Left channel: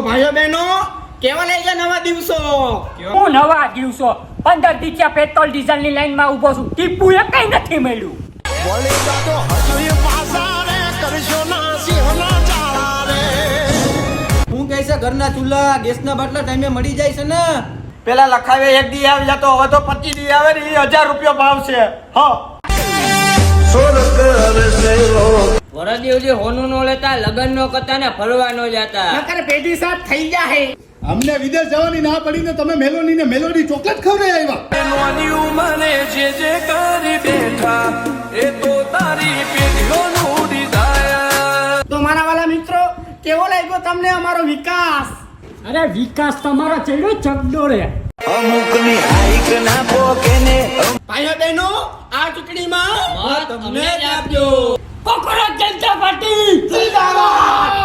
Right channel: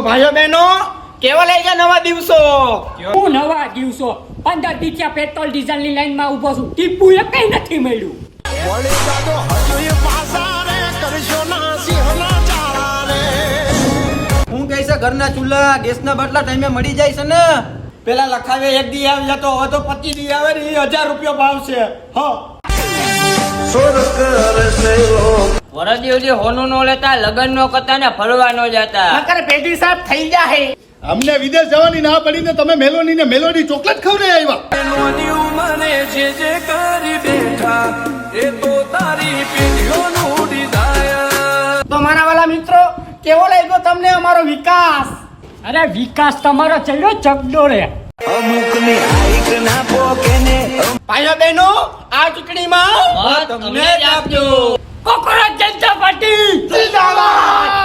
ભાઈઓ બહેનો કેવા લાગ્યા નવા દિવસો? હું નવા દિવસો 15 દિવસે પેટ્રોલ ડીઝલ ની લાઈન માં ઉભો છું. ટીપુ એ કઈ નથી મળ્યું. હું કહે છે ઘરના ચૂલા ગેસના બાટલા ટાઈમે મળી જાય છે ને. પેલા લખાવે 1 દી આવી જતો, હવે તો 25 દી આવે ને. 1000 રૂપિયા ભાવ છે. વરદી હોનું નો લેતા, લગન નો કરતા ને ફરવા નો જતા. નકર પેઢી સાથ થઈ જાહે. અમને વિદેશ જવાની ના પડી ને તમે મેલોની ને મેલોડી ચોકલેટ ખવડાવી આવ્યા. તો મારા વાલા મિત્રો, કેવો લાગ્યો તમને અમારો વિકાસ? અરે વિકાસ તમારો ચડ્યો ચગડો રે. ભાઈઓ બહેનો આ ચૂંટણીમાં મત અમને જ આપજો. કોકરાજ જનતા પાર્ટી જિંદાબાદ.